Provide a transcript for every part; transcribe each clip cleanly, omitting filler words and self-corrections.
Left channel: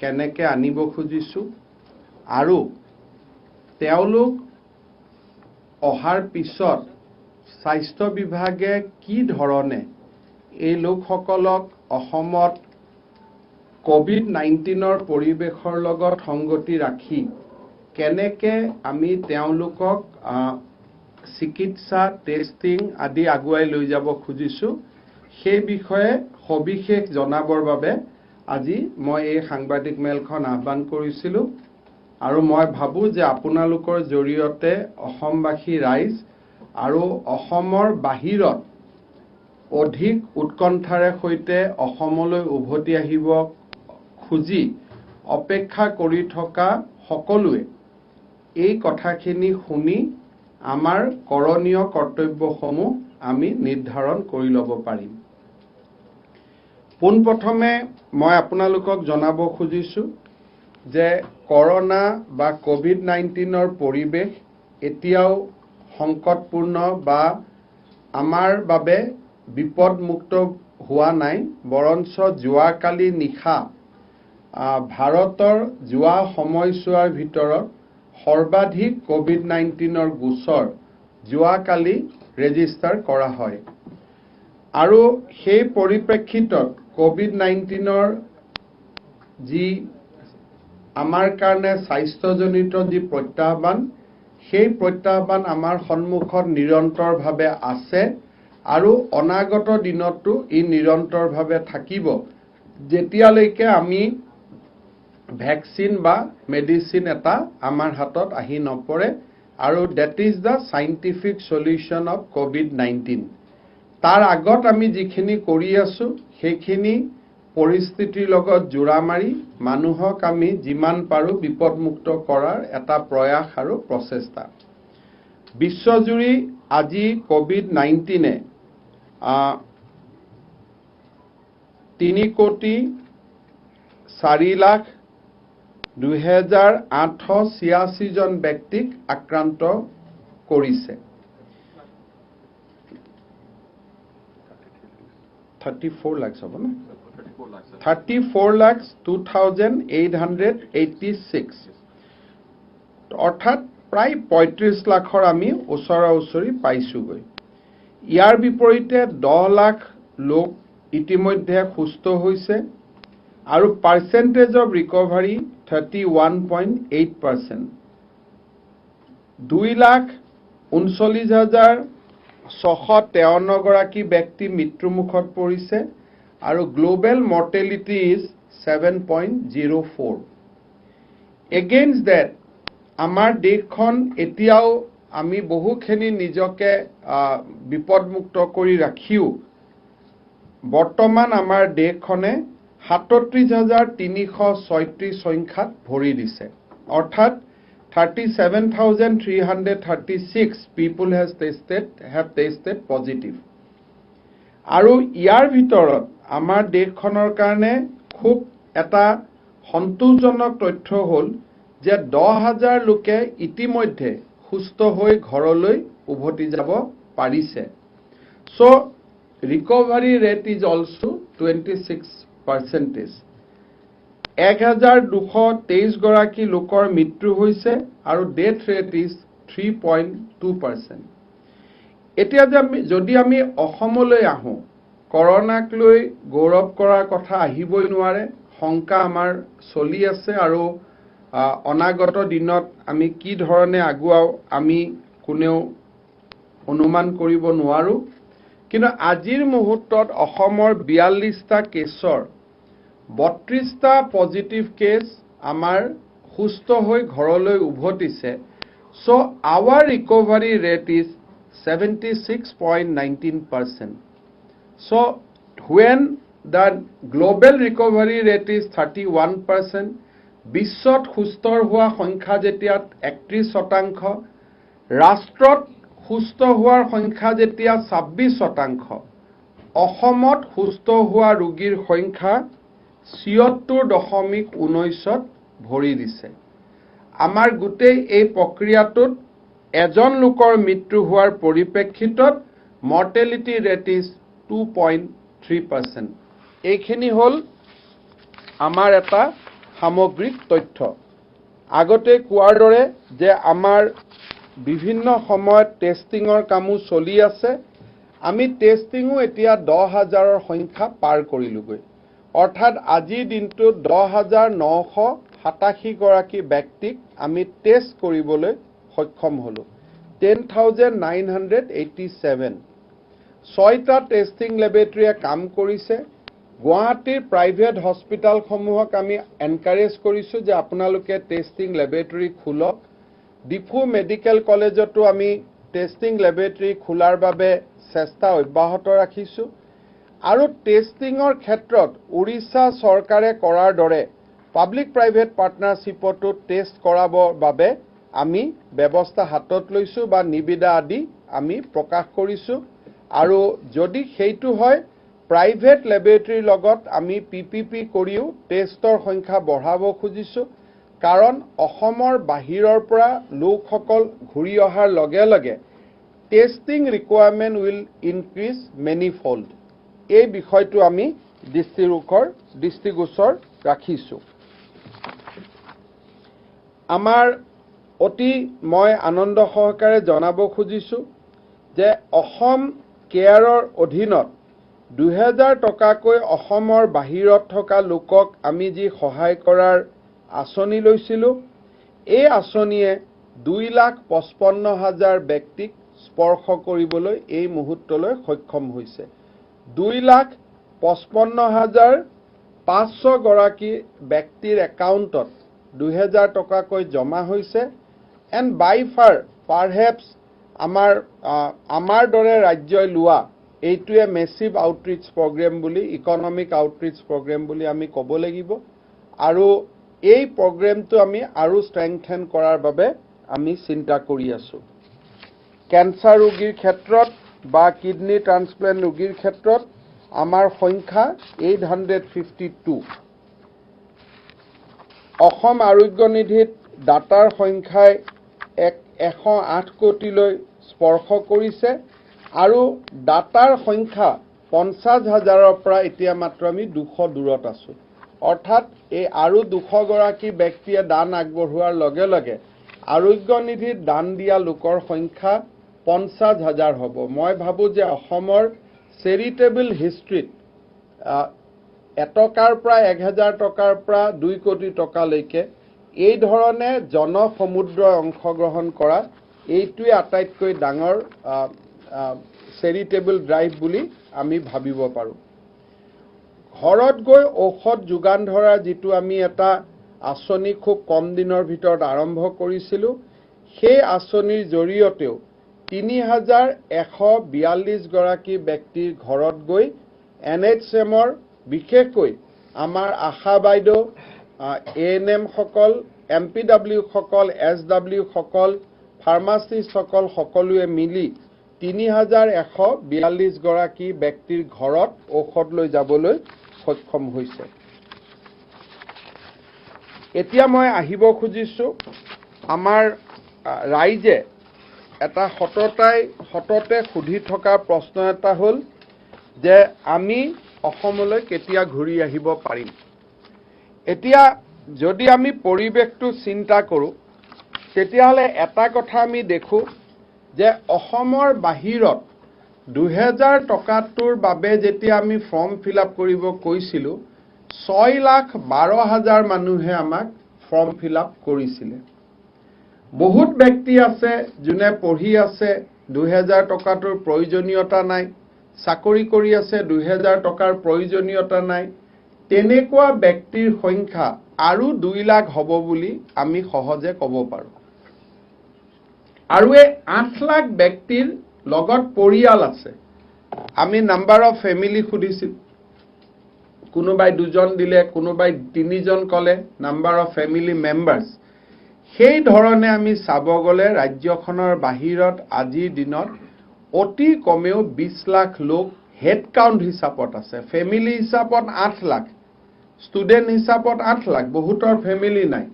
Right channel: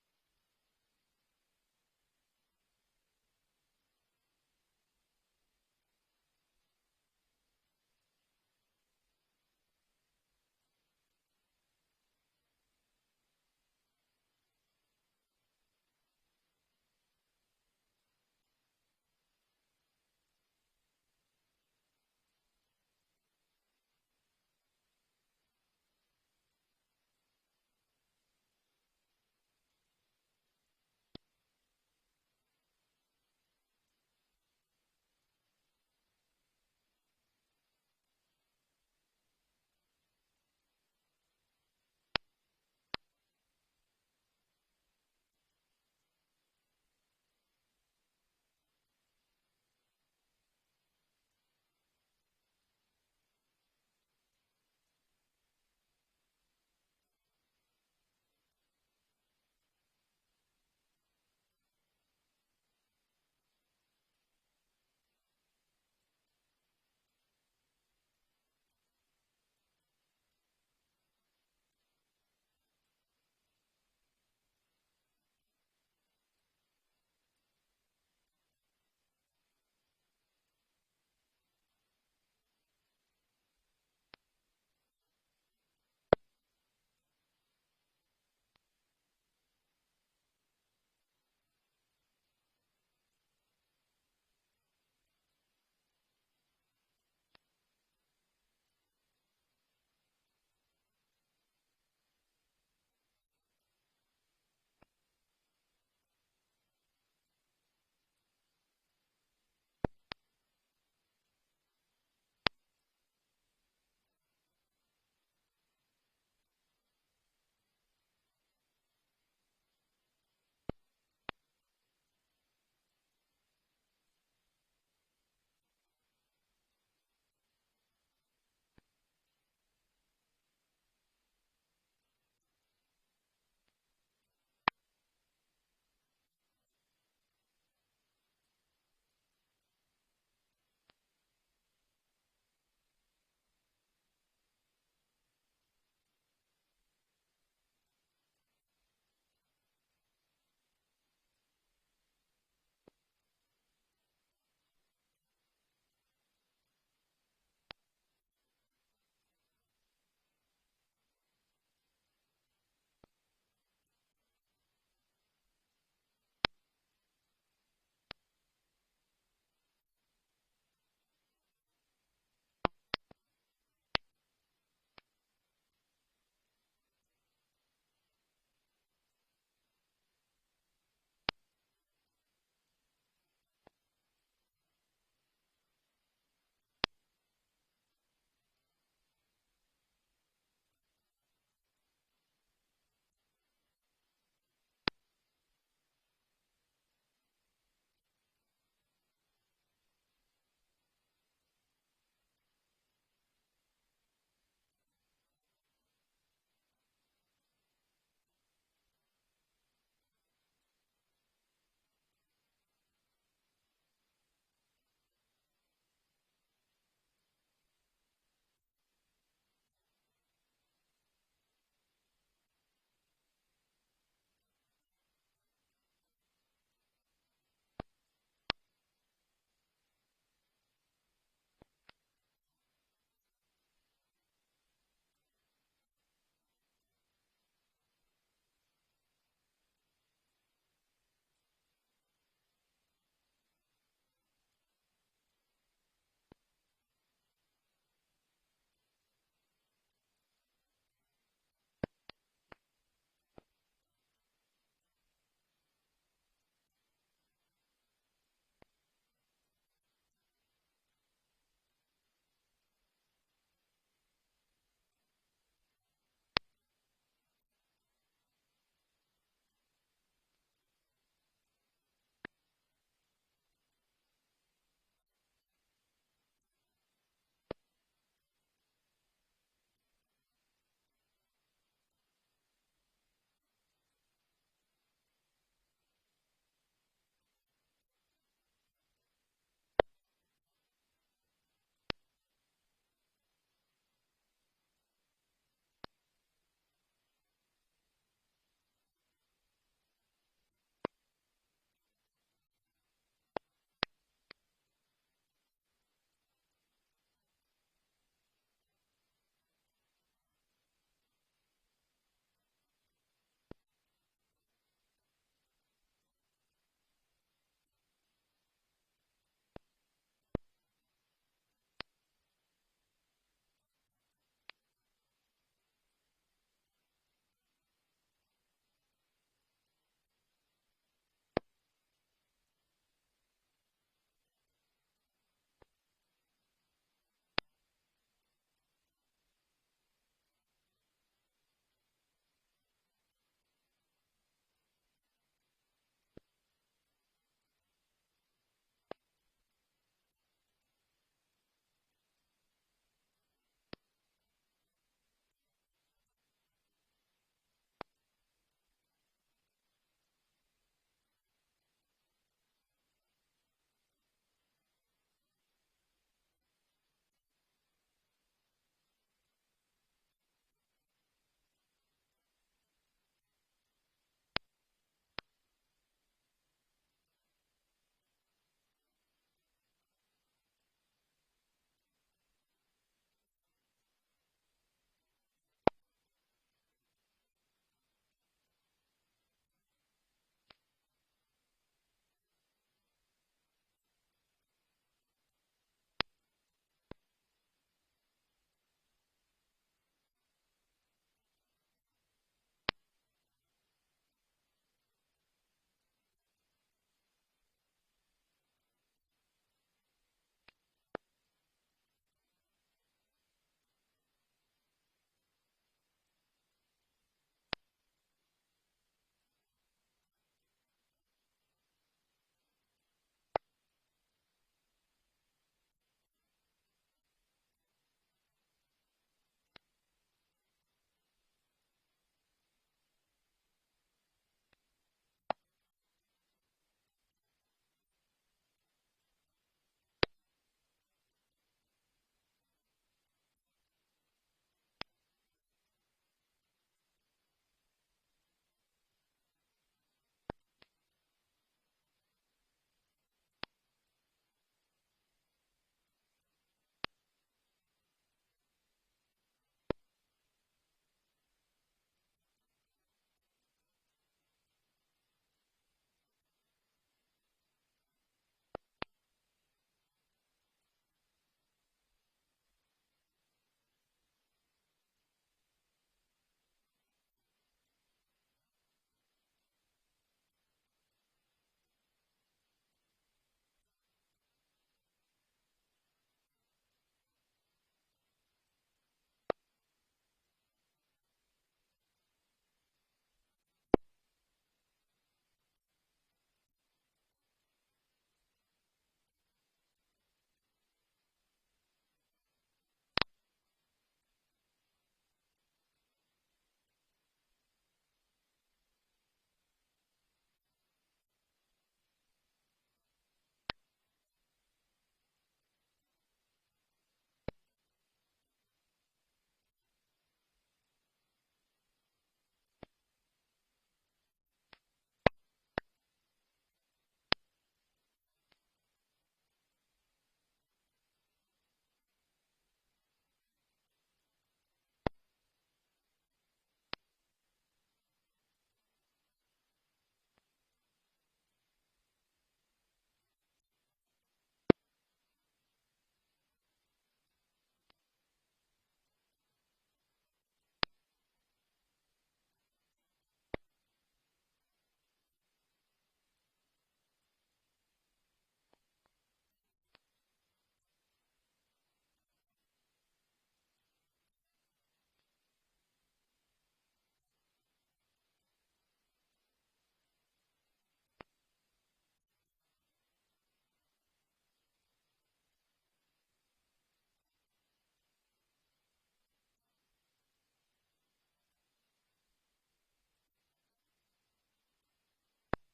কেনেকৈ আনিব খুজিছোঁ আৰু তেওঁলোক অহাৰ পিছত স্বাস্থ্য বিভাগে কি ধৰণে এই লোকসকলক অসমত কোভিড-19ৰ পৰিৱেশৰ লগত সংগতি ৰাখি কেনেকৈ আমি তেওঁলোকক চিকিৎসা টেষ্টিং আদি আগুৱাই লৈ যাব খুজিছোঁ সেই বিষয়ে সবিশেষ জনাবৰ বাবে আজি মই এই সাংবাদিক মেলখন আহ্বান কৰিছিলোঁ আৰু মই ভাবোঁ যে আপোনালোকৰ জৰিয়তে অসমবাসী ৰাইজ আৰু অসমৰ বাহিৰত অধিক উৎকণ্ঠাৰে সৈতে অসমলৈ উভতি আহিব খুজি অপেক্ষা কৰি থকা সকলোৱে এই কথাখিনি শুনি আমাৰ কৰণীয় কৰ্তব্যসমূহ আমি নিৰ্ধাৰণ কৰি ল'ব পাৰিম। পোনপ্ৰথমে মই আপোনালোকক জনাব খুজিছোঁ যে কৰোনা বা কোভিড-19ৰ পৰিৱেশ এতিয়াও সংকটপূৰ্ণ বা আমাৰ বাবে বিপদমুক্ত হোৱা নাই, বৰঞ্চ যোৱাকালি নিশা ভাৰতৰ যোৱা সময়ছোৱাৰ ভিতৰত সৰ্বাধিক কোভিড-19ৰ গোচৰ যোৱাকালি ৰেজিষ্টাৰ কৰা হয় আৰু সেই পৰিপ্ৰেক্ষিতত কোভিড-19ৰ যি আমাৰ কাৰণে স্বাস্থ্যজনিত যি প্ৰত্যাহ্বান সেই প্ৰত্যাহ্বান আমাৰ সন্মুখত নিৰন্তৰভাৱে আছে আৰু অনাগত দিনতো ই নিৰন্তৰভাৱে থাকিব যেতিয়ালৈকে আমি ভ্যাকচিন বা মেডিচিন এটা আমাৰ হাতত আহি নপৰে আৰু that is the scientific solution of COVID-19 তাৰ আগত আমি যিখিনি কৰি আছো সেইখিনি পৰিস্থিতিৰ লগত জোৰা মাৰি মানুহক আমি যিমান পাৰো বিপদমুক্ত কৰাৰ এটা প্ৰয়াস আৰু প্ৰচেষ্টা বিশ্বজুৰি আজি কোভিড-19 3,04,20,886 জন ব্যক্তিক আক্ৰান্ত কৰিছে 34 লাখ হ'ব না 34,02,886 অৰ্থাৎ প্ৰায় 35 লাখৰ আমি ওচৰা-ওচৰি পাইছোগৈ ইয়াৰ বিপৰীতে 10 লাখ লোক ইতিমধ্যে সুস্থ হৈছে আৰু পাৰ্চেন্টেজ অফ ৰিকভাৰী 31.8%, 2,39,653 গৰাকী ব্যক্তি মৃত্যুমুখত পৰিছে আৰু global mortality is 7.04 against that আমাৰ দেশখন এতিয়াও আমি বহুখিনি নিজকে বিপদমুক্ত কৰি ৰাখিও বৰ্তমান আমাৰ দেশখনে 37,336 সংখ্যাত ভৰি দিছে অৰ্থাৎ 37,336 people have tested positive আৰু ইয়াৰ ভিতৰত আমাৰ দেশখনৰ কাৰণে খুব এটা সন্তোষজনক তথ্য হ'ল যে 10,000 লোকে ইতিমধ্যে সুস্থ হৈ ঘৰলৈ উভতি যাব পাৰিছে so recovery rate is also 26%. 1,223 গৰাকী লোকৰ মৃত্যু হৈছে আৰু ডেথ ৰেট ইজ 3.2%. এতিয়া যদি আমি অসমলৈ আহোঁ কৰোনাক লৈ গৌৰৱ কৰাৰ কথা আহিবই নোৱাৰে শংকা আমাৰ চলি আছে আৰু অনাগত দিনত আমি কি ধৰণে আগুৱাও আমি কোনেও অনুমান কৰিব নোৱাৰো কিন্তু আজিৰ মুহূৰ্তত অসমৰ 42টা কেছৰ 32টা পজিটিভ কেছ আমাৰ সুস্থ হৈ ঘৰলৈ উভতিছে so our recovery rate is 76.19%. So when the global recovery rate is 31%, বিশ্বত সুস্থ হোৱা সংখ্যা যেতিয়া 31%, ৰাষ্ট্ৰত সুস্থ হোৱাৰ সংখ্যা যেতিয়া 26%, অসমত সুস্থ হোৱা ৰোগীৰ সংখ্যা 76.19ত ভৰি দিছে আমাৰ গোটেই এই প্ৰক্ৰিয়াটোত এজন লোকৰ মৃত্যু হোৱাৰ পৰিপ্ৰেক্ষিতত মৰ্টেলিটি ৰেট ইজ 2.3%. এইখিনি হ'ল আমাৰ এটা সামগ্ৰিক তথ্য আগতে কোৱাৰ দৰে যে আমাৰ বিভিন্ন সময়ত টেষ্টিঙৰ কামো চলি আছে আমি টেষ্টিঙো এতিয়া 10,000ৰ সংখ্যা পাৰ কৰিলোগৈ অৰ্থাৎ আজিৰ দিনটোত 10,987 গৰাকী ব্যক্তিক আমি টেষ্ট কৰিবলৈ সক্ষম হলো 10,987 ছয়টা টেষ্টিং লেবৰেটৰীয়ে কাম কৰিছে গুৱাহাটীৰ প্ৰাইভেট হস্পিটালসমূহক আমি এনকাৰেজ কৰিছো যে আপোনালোকে টেষ্টিং লেবৰেটৰী খোলক ডিফু মেডিকেল কলেজতো আমি টেষ্টিং লেবৰেটৰী খোলাৰ বাবে চেষ্টা অব্যাহত ৰাখিছো আৰু টেষ্টিঙৰ ক্ষেত্ৰত উৰিষ্যা চৰকাৰে কৰাৰ দৰে পাব্লিক প্ৰাইভেট পাৰ্টনাৰশ্বিপতো টেষ্ট কৰাবৰ বাবে আমি ব্যৱস্থা হাতত লৈছো বা নিবিদা আদি আমি প্ৰকাশ কৰিছো আৰু যদি সেইটো হয় প্ৰাইভেট লেবৰেটৰীৰ লগত আমি পিপিপি কৰিও টেষ্টৰ সংখ্যা বঢ়াব খুজিছো কাৰণ অসমৰ বাহিৰৰ পৰা লোকসকল ঘূৰি অহাৰ লগে লগে testing requirement will increase manifold এই বিষয়টো আমি দৃষ্টিগোচৰ ৰাখিছো আমাৰ অতি মই আনন্দ সহকাৰে জনাব খুজিছো যে অসম কেয়াৰৰ অধীনত 2,000 টকাকৈ অসমৰ বাহিৰত থকা লোকক আমি যি সহায় কৰাৰ আঁচনি লৈছিলো এই আঁচনিয়ে 2,55,000 ব্যক্তিক স্পৰ্শ কৰিবলৈ এই মুহূৰ্তলৈ সক্ষম হৈছে 2,55,500 গৰাকী ব্যক্তিৰ একাউণ্টত 2,000 টকাকৈ জমা হৈছে এণ্ড বাই ফাৰ পাৰহেপছ আমাৰ দৰে ৰাজ্যই লোৱা এইটোৱে মেছিভ আউটৰিচ প্ৰগ্ৰেম বুলি ইকনমিক আউটৰিচ প্ৰগ্ৰেম বুলি আমি ক'ব লাগিব আৰু এই প্ৰগ্ৰেমটো আমি আৰু ষ্ট্ৰেংথেন কৰাৰ বাবে আমি চিন্তা কৰি আছো কেন্সাৰ ৰোগীৰ ক্ষেত্ৰত বা কিডনি ট্ৰান্সপ্লান্ট ৰোগীৰ ক্ষেত্ৰত আমাৰ সংখ্যা 852 অসম আৰোগ্য নিধিত ডাটাৰ সংখ্যাই 108 কোটিলৈ স্পৰ্শ কৰিছে আৰু ডাটাৰ সংখ্যা 50,000ৰ পৰা এতিয়া মাত্ৰ আমি 200 দূৰত আছো অৰ্থাৎ এই আৰু 200 গৰাকী ব্যক্তিয়ে দান আগবঢ়োৱাৰ লগে লগে আৰোগ্য নিধিত দান দিয়া লোকৰ সংখ্যা 50,000 হ'ব মই ভাবো যে অসমৰ চেৰিটেবল হিষ্ট্ৰীত এটকাৰ পৰা 1,000 টকাৰ পৰা 2 কোটি টকালৈকে এই ধৰণে জনসমুদ্ৰ অংশগ্ৰহণ কৰা এইটোৱে আটাইতকৈ ডাঙৰ চেৰিটেবল ড্ৰাইভ বুলি আমি ভাবিব পাৰো ঘৰত গৈ ঔষধ যোগান ধৰা যিটো আমি এটা আঁচনি খুব কম দিনৰ ভিতৰত আৰম্ভ কৰিছিলো সেই আঁচনিৰ জৰিয়তেও 3,142 গৰাকী ব্যক্তিৰ ঘৰত গৈ NHMৰ বিশেষকৈ আমাৰ আশা বাইদেউ ANM সকল MPW সকল SW সকল ফাৰ্মাচিষ্ট সকল সকলোৱে মিলি 3,142 গৰাকী ব্যক্তিৰ ঘৰত ঔষধ লৈ যাবলৈ সক্ষম হৈছে এতিয়া মই আহিব খুজিছো আমাৰ ৰাইজে এটা সততে সুধি থকা প্ৰশ্ন এটা হ'ল যে আমি অসমলৈ কেতিয়া ঘূৰি আহিব পাৰিম এতিয়া যদি আমি পৰিৱেশটো চিন্তা কৰোঁ তেতিয়াহ'লে এটা কথা আমি দেখো যে অসমৰ বাহিৰত 2,000 টকাটোৰ বাবে যেতিয়া আমি ফৰ্ম ফিল আপ কৰিব কৈছিলো 6,12,000 মানুহে আমাক ফৰ্ম ফিল আপ কৰিছিলে বহুত ব্যক্তি আছে যোনে পঢ়ি আছে 2,000 টকাটোৰ প্ৰয়োজনীয়তা নাই চাকৰি কৰি আছে 2,000 টকাৰ প্ৰয়োজনীয়তা নাই তেনেকুৱা ব্যক্তিৰ সংখ্যা আৰু 2 লাখ হ'ব বুলি আমি সহজে ক'ব পাৰো আৰু এই 8 লাখ ব্যক্তিৰ লগত পৰিয়াল আছে আমি নাম্বাৰ অফ ফেমিলি খুদিছিল কোনোবাই 2জন দিলে কোনোবাই 3জন কলে নাম্বাৰ অফ ফেমিলি মেম্বাৰ্স সেই ধৰণে আমি চাব গলে ৰাজ্যখনৰ বাহিৰত আজিৰ দিনত অতি কমেও 20 লাখ লোক হেড কাউন্ট হিচাপত আছে ফেমিলি হিচাপত 8 লাখ ষ্টুডেন্ট হিচাপত 8 লাখ বহুতৰ ফেমিলি নাই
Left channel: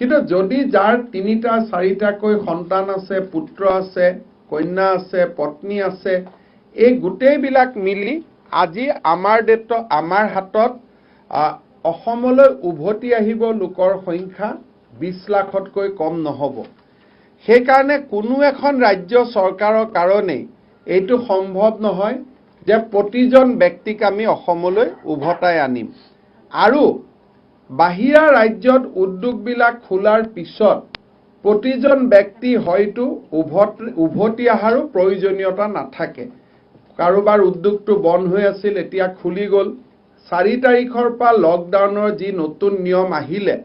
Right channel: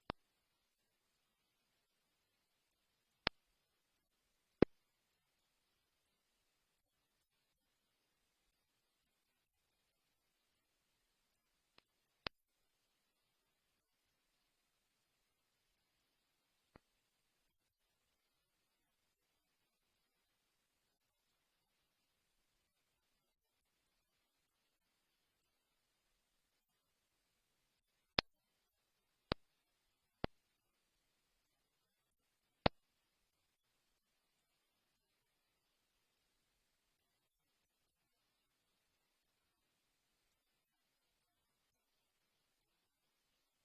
কিন্তু যদি যাৰ 3টা 4টাকৈ সন্তান আছে পুত্ৰ আছে কন্যা আছে পত্নী আছে এই গোটেই বিলাক মিলি আজি আমাৰ হাতত অসমলৈ উভতি আহিব লোকৰ সংখ্যা 20 লাখতকৈ কম নহব সেইকাৰণে কোনো এখন ৰাজ্য চৰকাৰৰ কাৰণে এইটো সম্ভৱ নহয় যে প্ৰতিজন ব্যক্তিক আমি অসমলৈ উভতাই আনিম আৰু বাহিৰা ৰাজ্যত উদ্যোগবিলাক খোলাৰ পিছত প্ৰতিজন ব্যক্তি হয়তো উভতি অহাৰো প্ৰয়োজনীয়তা নাথাকে কাৰোবাৰ উদ্যোগটো বন্ধ হৈ আছিল এতিয়া খুলি গ'ল 4 তাৰিখৰ পৰা লকডাউনৰ যি নতুন নিয়ম আহিলে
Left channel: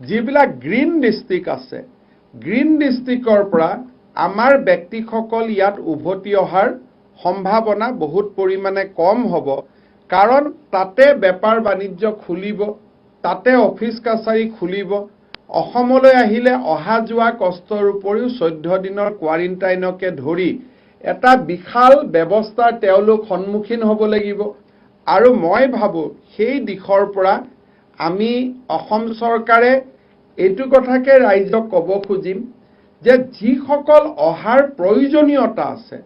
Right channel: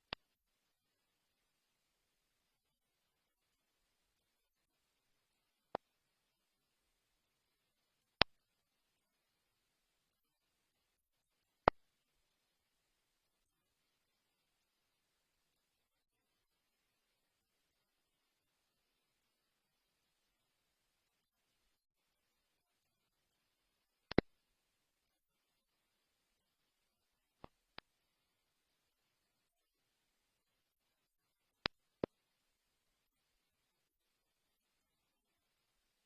যিবিলাক গ্ৰীণ ডিস্ট্ৰিক্ট আছে গ্ৰীণ ডিস্ট্ৰিক্টৰ পৰা আমাৰ ব্যক্তিসকল ইয়াত উভতি অহাৰ সম্ভাৱনা বহুত পৰিমাণে কম হ'ব কাৰণ তাতে বেপাৰ বাণিজ্য খুলিব তাতে অফিচ কাছাৰী খুলিব অসমলৈ আহিলে অহা যোৱা কষ্টৰ উপৰিও 14 দিনৰ কোৱাৰেণ্টাইনকে ধৰি এটা বিশাল ব্যৱস্থাৰ তেওঁলোক সন্মুখীন হ'ব লাগিব আৰু মই ভাবো সেই দিশৰ পৰা আমি অসম চৰকাৰে এইটো কথাকে ৰাইজক ক'ব খুজিম যে যিসকল অহাৰ প্ৰয়োজনীয়তা আছে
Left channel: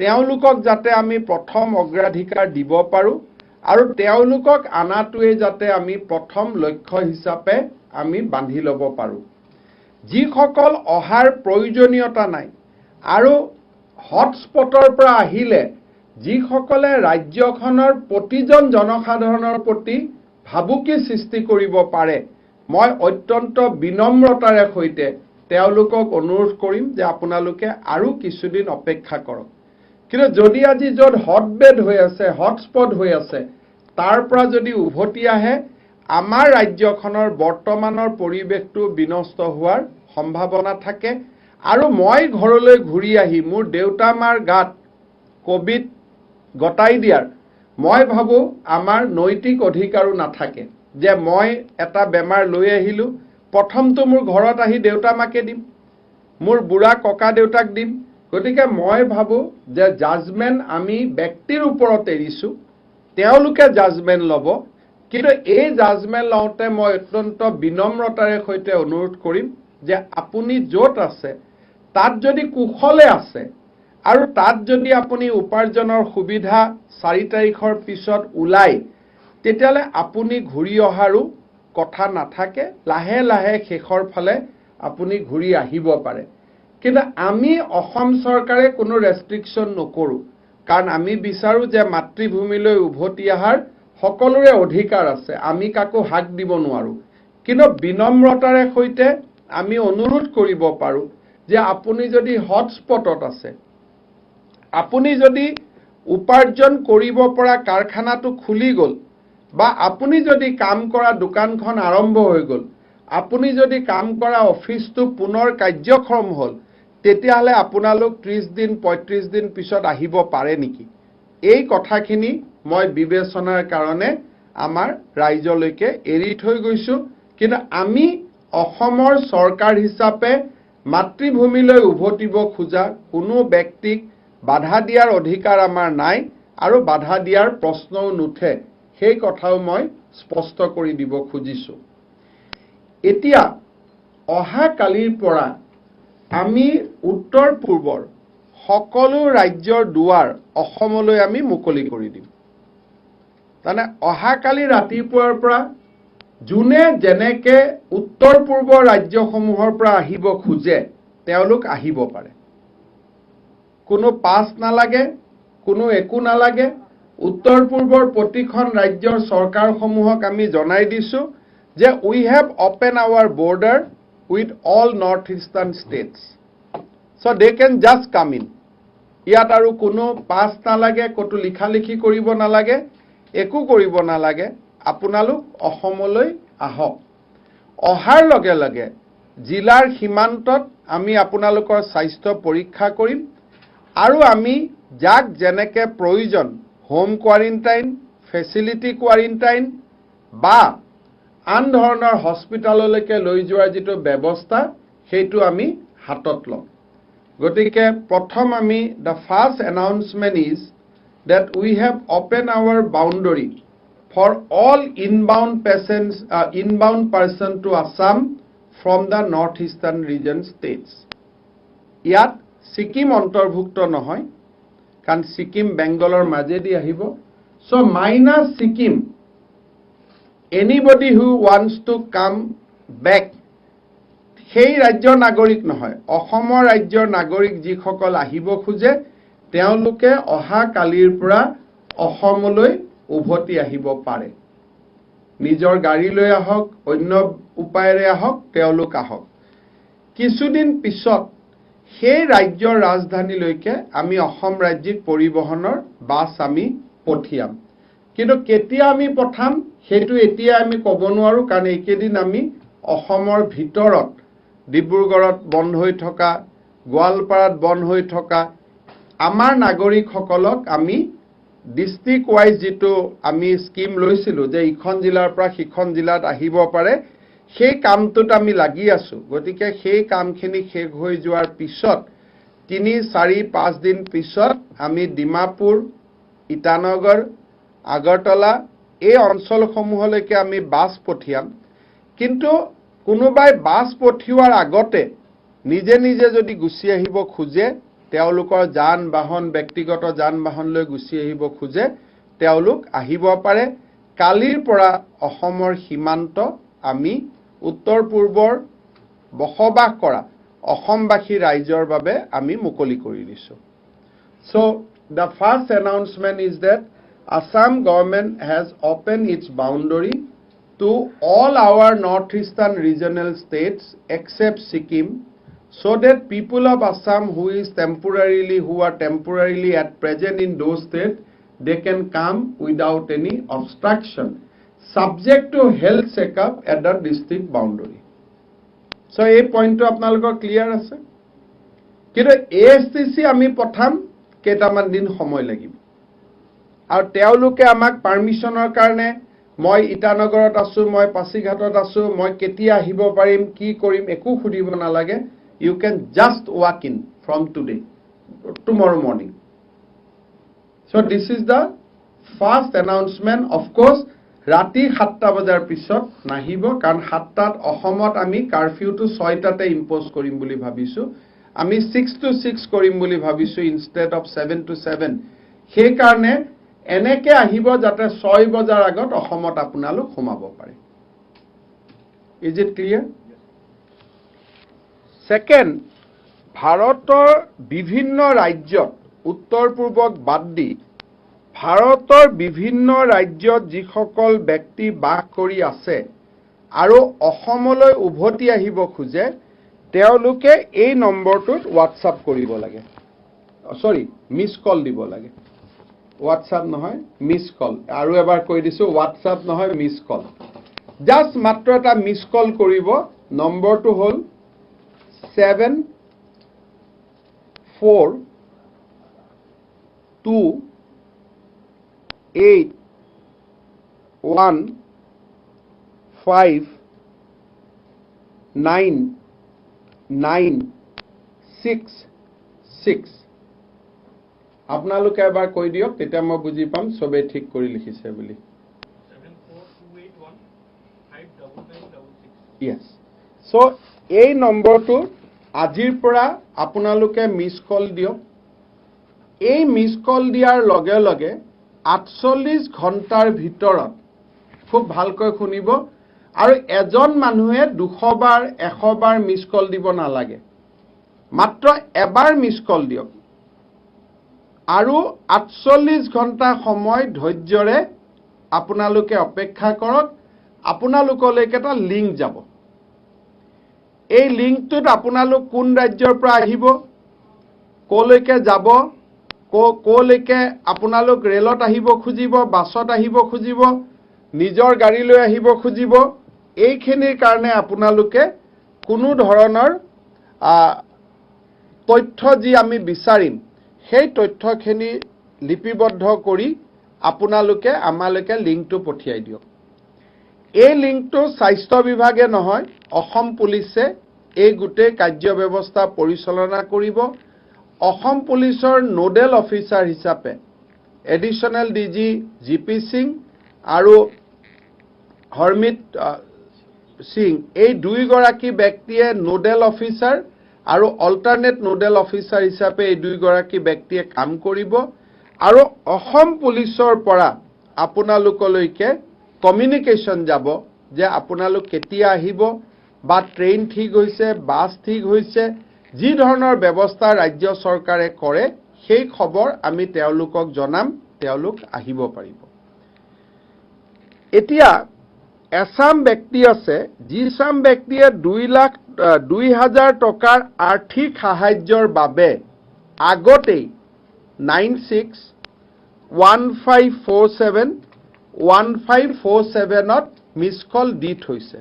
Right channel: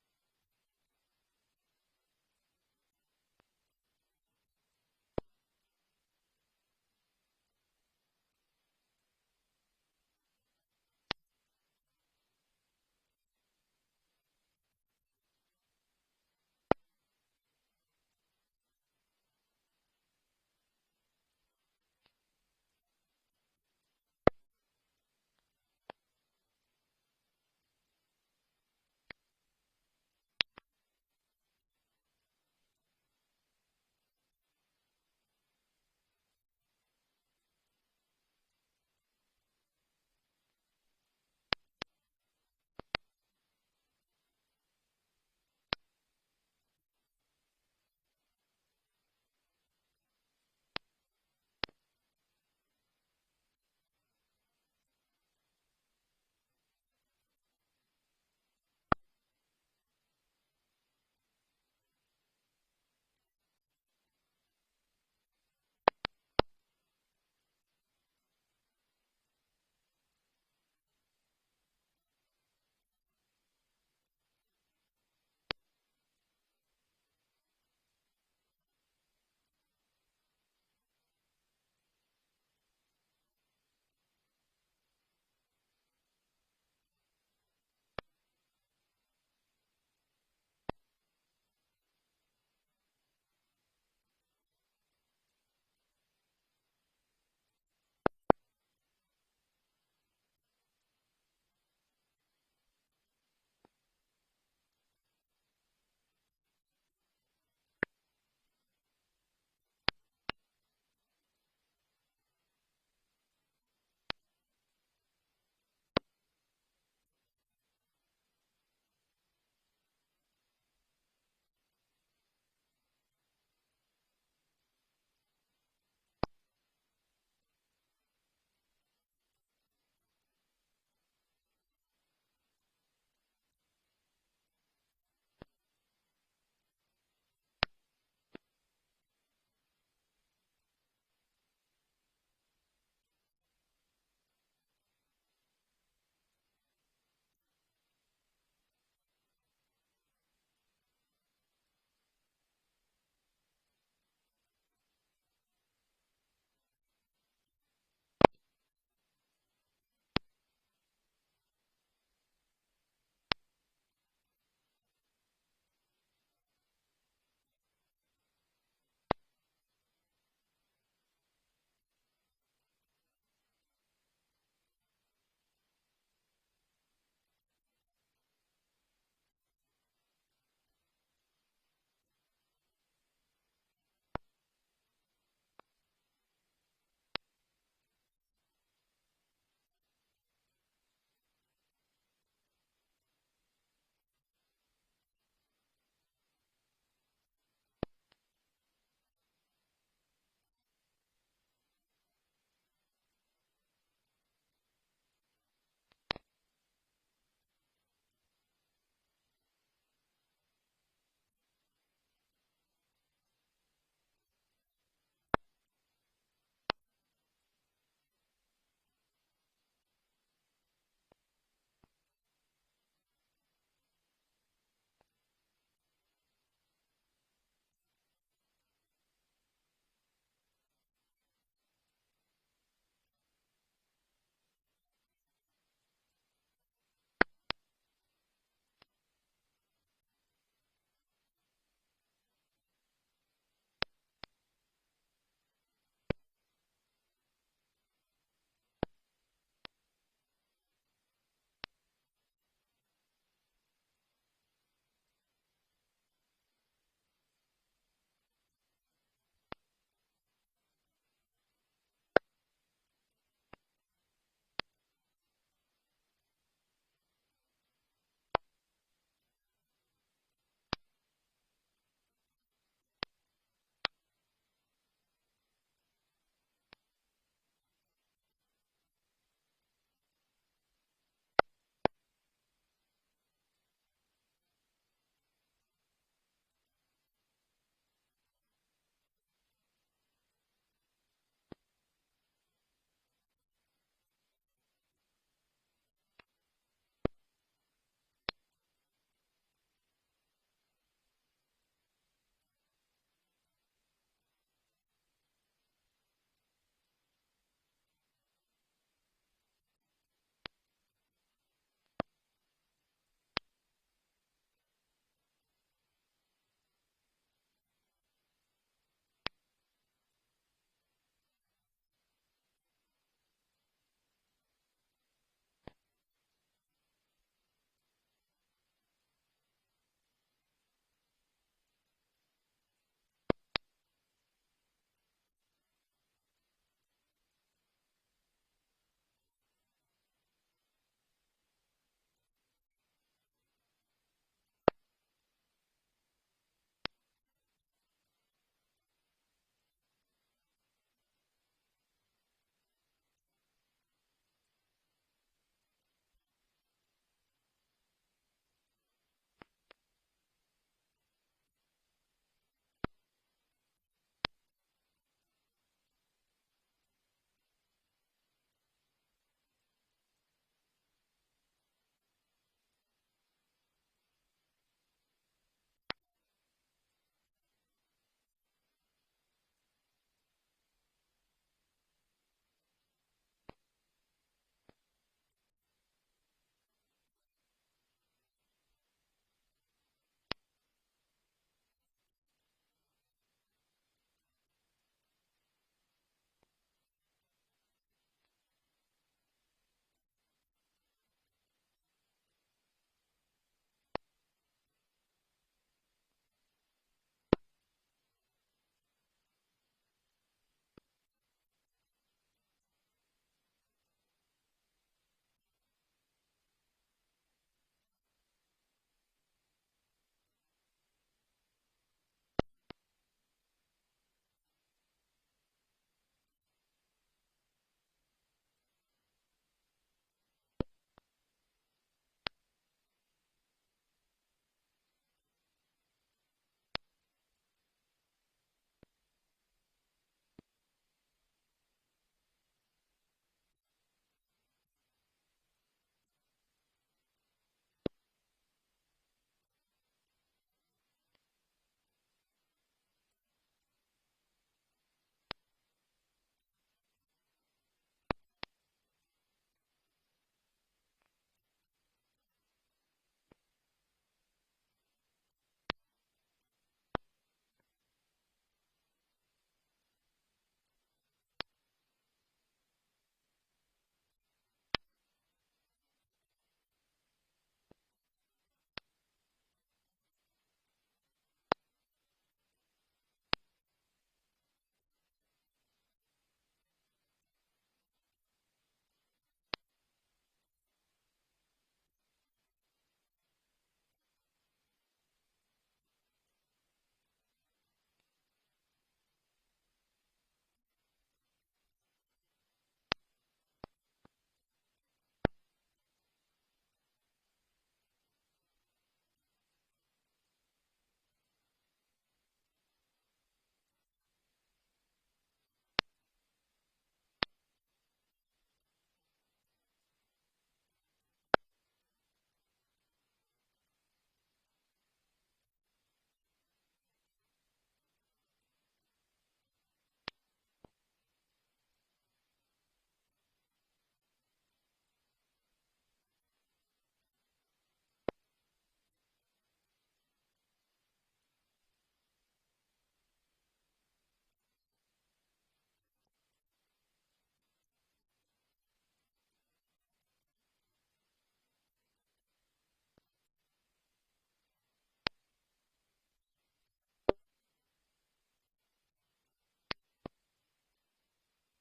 তেওঁলোকক যাতে আমি প্ৰথম অগ্ৰাধিকাৰ দিব পাৰো আৰু তেওঁলোকক আনাটোৱে যাতে আমি প্ৰথম লক্ষ্য হিচাপে আমি বান্ধি ল'ব পাৰো যিসকল অহাৰ প্ৰয়োজনীয়তা নাই আৰু হটস্পটৰ পৰা আহিলে যিসকলে ৰাজ্যখনৰ প্ৰতিজন জনসাধাৰণৰ প্ৰতি ভাবুকি সৃষ্টি কৰিব পাৰে মই অত্যন্ত বিনম্ৰতাৰে সৈতে তেওঁলোকক অনুৰোধ কৰিম যে আপোনালোকে আৰু কিছুদিন অপেক্ষা কৰক কিন্তু যদি আজি য'ত হটবেড হৈ আছে হটস্পট হৈ আছে তাৰ পৰা যদি উভতি আহে আমাৰ ৰাজ্যখনৰ বৰ্তমানৰ পৰিৱেশটো বিনষ্ট হোৱাৰ সম্ভাৱনা থাকে আৰু মই ঘৰলৈ ঘূৰি আহি মোৰ দেউতা মাৰ গাত কোভিড গটাই দিয়াৰ মই ভাবো আমাৰ নৈতিক অধিকাৰো নাথাকে যে মই এটা বেমাৰ লৈ আহিলো প্ৰথমটো মোৰ ঘৰত আহি দেউতা মাকে দিম মোৰ বুঢ়া ককা দেউতাক দিম গতিকে মই ভাবো যে জাজমেন্ট আমি ব্যক্তিৰ ওপৰত এৰিছো তেওঁলোকে জাজমেন্ট ল'ব কিন্তু এই জাজমেন্ট লওঁতে মই অত্যন্ত বিনম্ৰতাৰে সৈতে অনুৰোধ কৰিম যে আপুনি য'ত আছে তাত যদি কুশলে আছে আৰু তাত যদি আপুনি উপাৰ্জনৰ সুবিধা 4 তাৰিখৰ পিছত ওলাই তেতিয়ালে আপুনি ঘূৰি অহাৰো কথা নাথাকে লাহে লাহে শেষৰ ফালে আপুনি ঘূৰি আহিব পাৰে কিন্তু আমি অসম চৰকাৰে কোনো ৰেষ্ট্ৰিকশন নকৰো কাৰণ আমি বিচাৰো যে মাতৃভূমিলৈ উভতি অহাৰ সকলোৰে অধিকাৰ আছে আমি কাকো হাক দিব নোৱাৰো কিন্তু বিনম্ৰতাৰে সৈতে আমি অনুৰোধ কৰিব পাৰো যে আপুনি যদি হটস্পটত আছে আপুনি যদি উপাৰ্জন কৰিব পৰা কাৰখানাটো খুলি গ'ল বা আপুনি যদি কাম কৰা দোকানখন আৰম্ভ হৈ গ'ল আপুনি যদি কাম কৰা অফিসটো পুনৰ কাৰ্যক্ষম হ'ল তেতিয়াহলে আপোনালোক 30 দিন 35 দিন পিছত আহিব পাৰে নেকি এই কথাখিনি মই বিবেচনাৰ কাৰণে আমাৰ ৰাইজলৈকে এৰি থৈ গৈছো কিন্তু আমি অসমৰ চৰকাৰ হিচাপে মাতৃভূমিলৈ উভতিব খোজা কোনো ব্যক্তিক বাধা দিয়াৰ অধিকাৰ আমাৰ নাই আৰু বাধা দিয়াৰ প্ৰশ্নও নুঠে সেই কথাও মই স্পষ্ট কৰি দিব খুজিছো এতিয়া অহা কালিৰ পৰা আমি উত্তৰ পূৰ্বৰ সকলো ৰাজ্যৰ দুৱাৰ অসমলৈ আমি মুকলি কৰি দিম মানে অহা কালি ৰাতিপুৱাৰ পৰা জুনে যেনেকে উত্তৰ পূৰ্বৰ ৰাজ্যসমূহৰ পৰা আহিব খুজে তেওঁলোক আহিব পাৰে কোনো পাছ নালাগে কোনো একো নালাগে উত্তৰ পূৰ্বৰ প্ৰতিখন ৰাজ্যৰ চৰকাৰসমূহক আমি জনাই দিছো যে we have opened our border with all northeastern states so they can just come in ইয়াত আৰু কোনো পাছ নালাগে কতো লিখা লিখি কৰিব নালাগে একো কৰিব নালাগে আপোনালোক অসমলৈ আহক অহাৰ লগে লগে জিলাৰ সীমান্তত আমি আপোনালোকৰ স্বাস্থ্য পৰীক্ষা কৰিম আৰু আমি যাক যেনেকে প্ৰয়োজন হোম কোৱাৰেণ্টাইন ফেচিলিটি কোৱাৰেণ্টাইন বা আন ধৰণৰ হস্পিটাললৈকে লৈ যোৱাৰ যিটো ব্যৱস্থা সেইটো আমি হাতত লম গতিকে প্ৰথম আমি the first announcement is that we have opened our boundary for all inbound patients inbound person to Assam from the northeastern region states ইয়াত সিকিম অন্তৰ্ভুক্ত নহয় কাৰণ সিকিম বেংগলৰ মাজেদি আহিব so minus Sikkim anybody who wants to come back সেই ৰাজ্যৰ নাগৰিক নহয় অসমৰ ৰাজ্যৰ নাগৰিক যিসকল আহিব খোজে তেওঁলোকে অহা কালিৰ পৰা অসমলৈ উভতি আহিব পাৰে নিজৰ গাড়ী লৈ আহক অন্য উপায়েৰে আহক তেওঁলোক আহক কিছুদিন পিছত সেই ৰাজ্যৰ ৰাজধানীলৈকে আমি অসম ৰাজ্যিক পৰিবহনৰ বাছ আমি পঠিয়াম কিন্তু কেতিয়া আমি পঠাম সেইটো এতিয়া আমি ক'ব নোৱাৰো কাৰণ এইকেদিন আমি অসমৰ ভিতৰত ডিব্ৰুগড়ত বন্ধ হৈ থকা গোৱালপাৰাত বন্ধ হৈ থকা আমাৰ নাগৰিকসকলক আমি ডিস্ট্ৰিক্ট ওয়াইজ যেটো আমি স্কিম লৈছিলো যে ইখন জিলাৰ পৰা সিখন জিলাত আহিব পাৰে সেই কামটোত আমি লাগি আছো গতিকে সেই কামখিনি শেষ হৈ যোৱাৰ পিছত 3, 4, 5 দিন পিছত আমি ডিমাপুৰ ইটানগৰ আগৰতলা এই অঞ্চলসমূহলৈকে আমি বাছ পঠিয়াম কিন্তু কোনোবাই বাছ পঠিওৱাৰ আগতে নিজে নিজে যদি গুছি আহিব খোজে তেওঁলোকৰ যান বাহন ব্যক্তিগত যান বাহন লৈ গুছি আহিব খোজে তেওঁলোক আহিব পাৰে কালিৰ পৰা অসমৰ সীমান্ত আমি উত্তৰ পূৰ্বৰ বসবাস কৰা অসমবাসী ৰাইজৰ বাবে আমি মুকলি কৰি দিছো So the first announcement is that Assam government has opened its boundary to all our northeastern regional states except Sikkim so that people of Assam who are temporarily at present in those states they can come without any obstruction subject to health checkup at the district boundary so এই পইণ্টটো আপোনালোকৰ clear আছে কিন্তু ASTC আমি পঠাম কেইটামান দিন সময় লাগিব আৰু তেওঁলোকে আমাক পাৰমিশনৰ কাৰণে মই ইটানগৰত আছো মই পাছিঘাটত আছো মই কেতিয়া আহিব পাৰিম কি কৰিম একো খুদিব নালাগে you can just walk in from today tomorrow morning so this is the first announcement of course ৰাতি 7টা বজাৰ পিছত নাহিব কাৰণ 7টাত অসমত আমি কাৰফিউটো 6টাতে ইম্পোজ কৰিম বুলি ভাবিছো আমি 6 to 6 কৰিম বুলি ভাবিছো instead of 7 to 7 সেই কাৰণে এনেকে আহিব যাতে 6 বজাৰ আগত অসমত আপোনালোক সোমাব পাৰে is it clear second ভাৰতৰ বিভিন্ন ৰাজ্যত উত্তৰ পূৰ্বক বাদ দি ভাৰতৰ বিভিন্ন ৰাজ্যত যিসকল ব্যক্তি বাস কৰি আছে আৰু অসমলৈ উভতি আহিব খোজে তেওঁলোকে এই নম্বৰটোত WhatsApp কৰিব লাগে সৰি মিস কল দিব লাগে WhatsApp নহয় মিস কল আৰু এবাৰ কৈ দিছো WhatsApp নহয় মিস কল জাস্ট মাত্ৰ এটা মিস কল কৰিব নম্বৰটো হ'ল 7415996 আপোনালোকে এবাৰ কৈ দিয়ক তেতিয়া মই বুজি পাম সবে ঠিক কৰি লিখিছে বুলি 742815996 yes so এই নম্বৰটো আজিৰ পৰা আপোনালোকে মিস কল দিয়ক এই মিস কল দিয়াৰ লগে লগে 48 ঘণ্টাৰ ভিতৰত খুব ভালকৈ শুনিব আৰু এজন মানুহে 200 বাৰ 100 বাৰ মিস কল দিব নালাগে মাত্ৰ এবাৰ মিস কল দিয়ক আৰু 48 ঘণ্টা সময় ধৈৰ্যৰে আপোনালোকে অপেক্ষা কৰক আপোনালোকলৈকে এটা লিংক যাব এই লিংকটোত আপোনালোক কোন ৰাজ্যৰ পৰা আহিব কলৈকে যাব কলৈকে আপোনালোক ৰেলত আহিব খুজিব বাছত আহিব খুজিব নিজৰ গাড়ী লৈ আহিব খুজিব এইখিনিৰ কাৰণে আপোনালোকে কোনো ধৰণৰ তথ্য যি আমি বিচাৰিম সেই তথ্যখিনি লিপিবদ্ধ কৰি আপোনালোকে আমালৈকে লিংকটো পঠিয়াই দিয়ক এই লিংকটো স্বাস্থ্য বিভাগে নহয় অসম পুলিচে এই গুটে কাৰ্য ব্যৱস্থা পৰিচালনা কৰিব অসম পুলিচৰ নোডেল অফিচাৰ হিচাপে এডিশনাল ডিজি জিপি সিং আৰু হৰমিত সিং এই দুই গৰাকী ব্যক্তিয়ে নোডেল অফিচাৰ আৰু অল্টাৰনেট নোডেল অফিচাৰ হিচাপে এই দুই গৰাকী ব্যক্তিয়ে কাম কৰিব আৰু অসম পুলিচৰ পৰা আপোনালোকলৈকে কমিউনিকেশ্যন যাব যে আপোনালোক কেতিয়া আহিব বা ট্ৰেইন ঠিক হৈছে বাছ ঠিক হৈছে যি ধৰণৰ ব্যৱস্থা ৰাজ্য চৰকাৰে কৰে সেই খবৰ আমি তেওঁলোকক জনাম তেওঁলোক আহিব পাৰিব এতিয়া এছাম ব্যক্তি আছে যিছাম ব্যক্তিয়ে 2,00,000 টকাৰ আৰ্থিক সাহায্যৰ বাবে আগতেই 9615471547ত মিছ কল দি থৈছে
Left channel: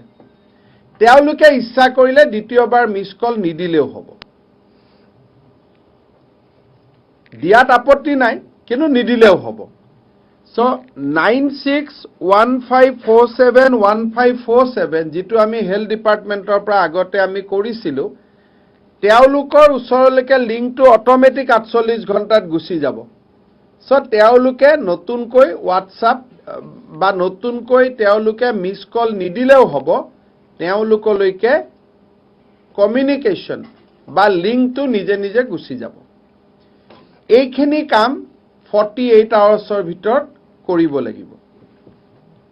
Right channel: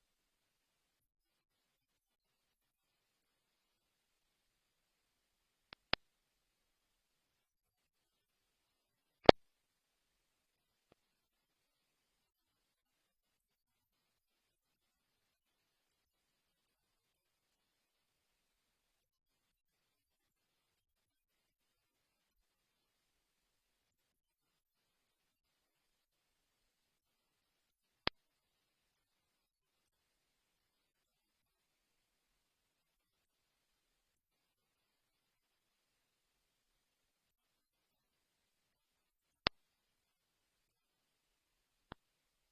তেওঁলোকে ইচ্ছা কৰিলে দ্বিতীয়বাৰ মিছ কল নিদিলেও হ'ব দিয়াত আপত্তি নাই কিন্তু নিদিলেও হ'ব So 9615471547 যেটো আমি হেলথ ডিপাৰ্টমেন্টৰ পৰা আগতে আমি কৰিছিলো তেওঁলোকৰ ওচৰলৈকে লিংকটো অটোমেটিক 48 ঘণ্টাত গুচি যাব সো তেওঁলোকে নতুনকৈ WhatsApp বা নতুনকৈ তেওঁলোকে মিছ কল নিদিলেও হ'ব তেওঁলোকলৈকে কমিউনিকেশ্যন বা লিংকটো নিজে নিজে গুচি যাব এইখিনি কাম 48 আৱাৰ্ছৰ ভিতৰত কৰিব লাগিব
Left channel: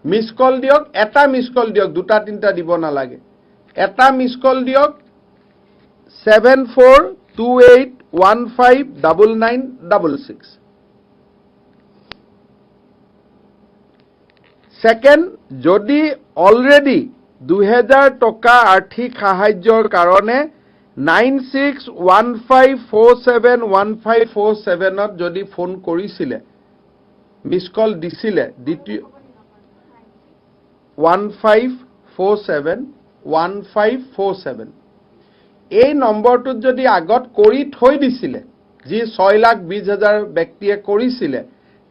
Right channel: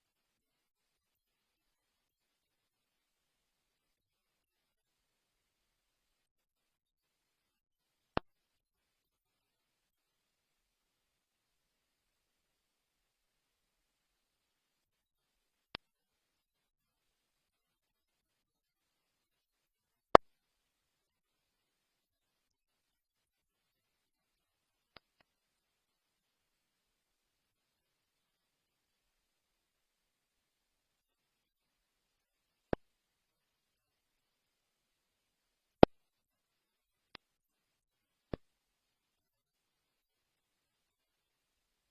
মিছ কল দিয়ক এটা মিছ কল দিয়ক দুটা তিনটা দিব নালাগে এটা মিছ কল দিয়ক 7428159966 সেকেন্ড যদি অলৰেডি 2000 টকা আৰ্থিক সাহায্যৰ কাৰণে 9615471547ত যদি ফোন কৰিছিলে মিছ কল দিছিলে দ্বিতীয় 15471547 এই নম্বৰটোত যদি আগত কৰি থৈ দিছিলে যি 6,20,000 ব্যক্তিয়ে কৰিছিলে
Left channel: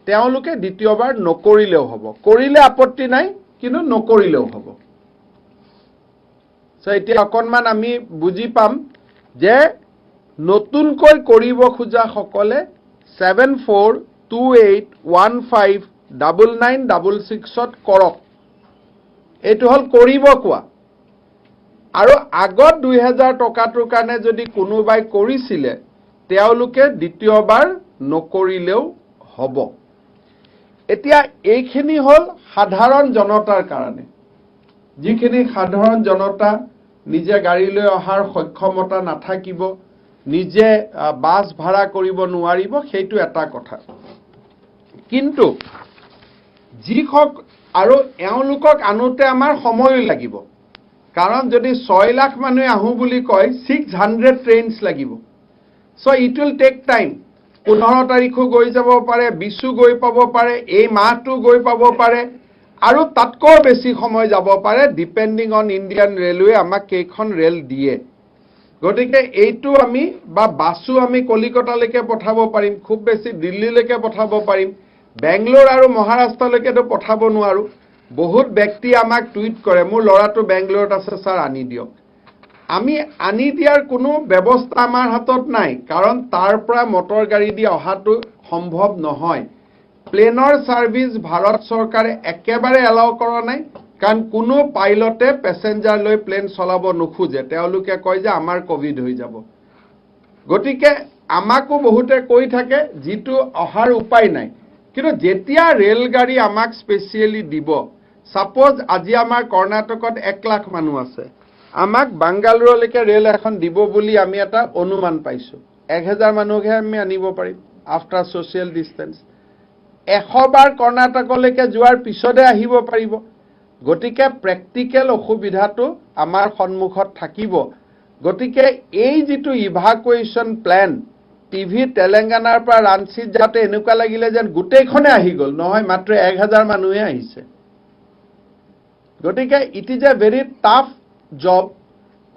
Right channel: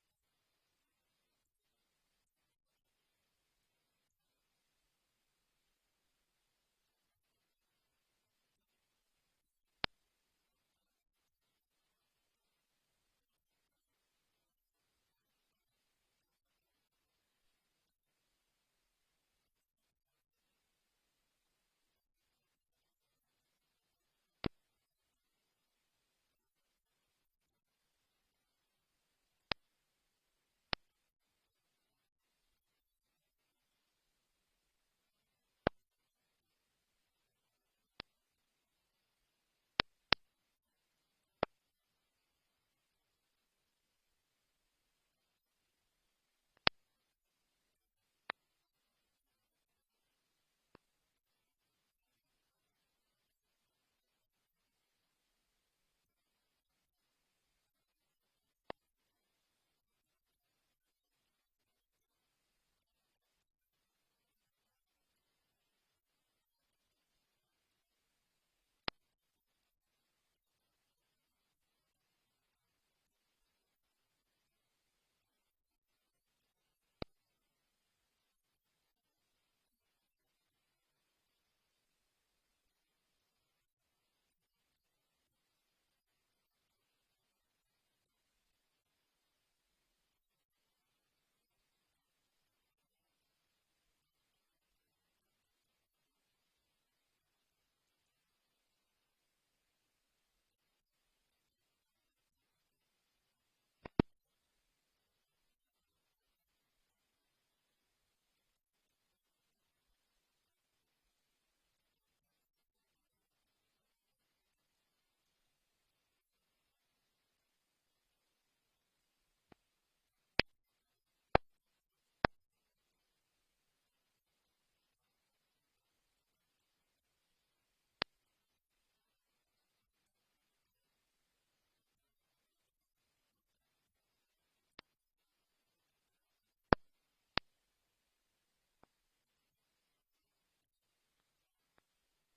তেওঁলোকে দ্বিতীয়বাৰ নকৰিলেও হ'ব কৰিলে আপত্তি নাই কিন্তু নকৰিলেও হ'ব সো এতিয়া অকনমান আমি বুজি পাম যে নতুনকৈ কৰিব খোজা সকলে 7428159966ত কৰক এটো হল কৰিব কোৱা আৰু আগত 2000 টকাটোৰ কাৰণে যদি কোনোবাই কৰিছিলে তেওঁলোকে দ্বিতীয়বাৰ নকৰিলেও হ'ব এতিয়া এইখিনি হল সাধাৰণ জনতাৰ কাৰণে যিখিনি সাধাৰণ জনতা নিজে গাড়ী লৈ অহাৰ সক্ষমতা নাথাকিব নিজে বাস ভাড়া কৰিব নোৱাৰিব সেইটো এটা কথা কিন্তু যিখক আৰু এওঁলোকক আনোতে আমাৰ সময় লাগিব কাৰণ যদি 6 লাখ মানুহ আহু বুলি কয় 600 ট্ৰেইনছ লাগিব so it will take time 15 তাৰিখো গৈ যাব পাৰে 20 গৈ পাব পাৰে এই মাহটো গৈ পাব পাৰে আৰু তাতকৈ বেছি সময় যাব পাৰে ডিপেন্ডিং অন ইন্ডিয়ান ৰেলৱে আমাক কেইখন ৰেল দিয়ে গতিকে এইটো আমি বা বাসু আমি কলিকতালৈকে পঠাব পাৰিম খুব বেছি দিল্লীলৈকে পঠাব পাৰিম বেংগলোৰ আৰু মহাৰাষ্ট্ৰলৈকেতো পঠাব নোৱাৰো বহুত ব্যক্তি আমাক টুইট কৰে মোৰ লৰাটো বেংগলোৰত আছে স্যাৰ আনি দিয়ক আমি আনি দিয়াৰ কোনো ব্যৱস্থা আমাৰ হাতত নাই কাৰণ তাৰ পৰা মটৰ গাড়ী দি অহাটো সম্ভৱ নহয় প্লেনৰ সাৰ্ভিস ভাৰত চৰকাৰে একেবাৰে এলাও কৰা নাই কাৰণ কোনো পাইলটে প্যাসেঞ্জাৰ লৈ প্লেন চলাব নোখোজে তেওঁলোকে কয় যে আমাৰ কোভিড হৈ যাব গতিকে আমাকো বহুতে কৈ থাকে যেটো অহাৰ উপায় নাই কিন্তু যেতিয়া ৰেল গাড়ী আমাক স্পেশালি দিব সাপোজ আজি আমাৰ কৰ্ণাটকত 1 লাখ মানুহ আছে আমাক বাংগালুৰুলৈকে ৰেল এখন দিব বুলি আমি এটা অনুমান পাইছো 1000 মানুহহে আমি আনিব পাৰিম আফটাৰ সোশ্যাল ডিসটেন্স 100 বাৰ কৰ্ণাটকলৈকে যোৱাৰ পিছতে আহিব পাৰিব গতিকে প্ৰ্যাকটিক্যাল অসুবিধাটো আমাৰ সন্মুখত থাকিব গতিকে এই যেটো ইভাকুৱেশ্যন প্ল্যান টিভি তেলেঙ্গানাৰ পৰা ৰাঞ্চি যাতে এনেকুৱা লাগিলে যেন গুটেইখনে আহি গল নহয় মাত্ৰ 1000 মানুহে আহিছে গতিকে it is a very tough job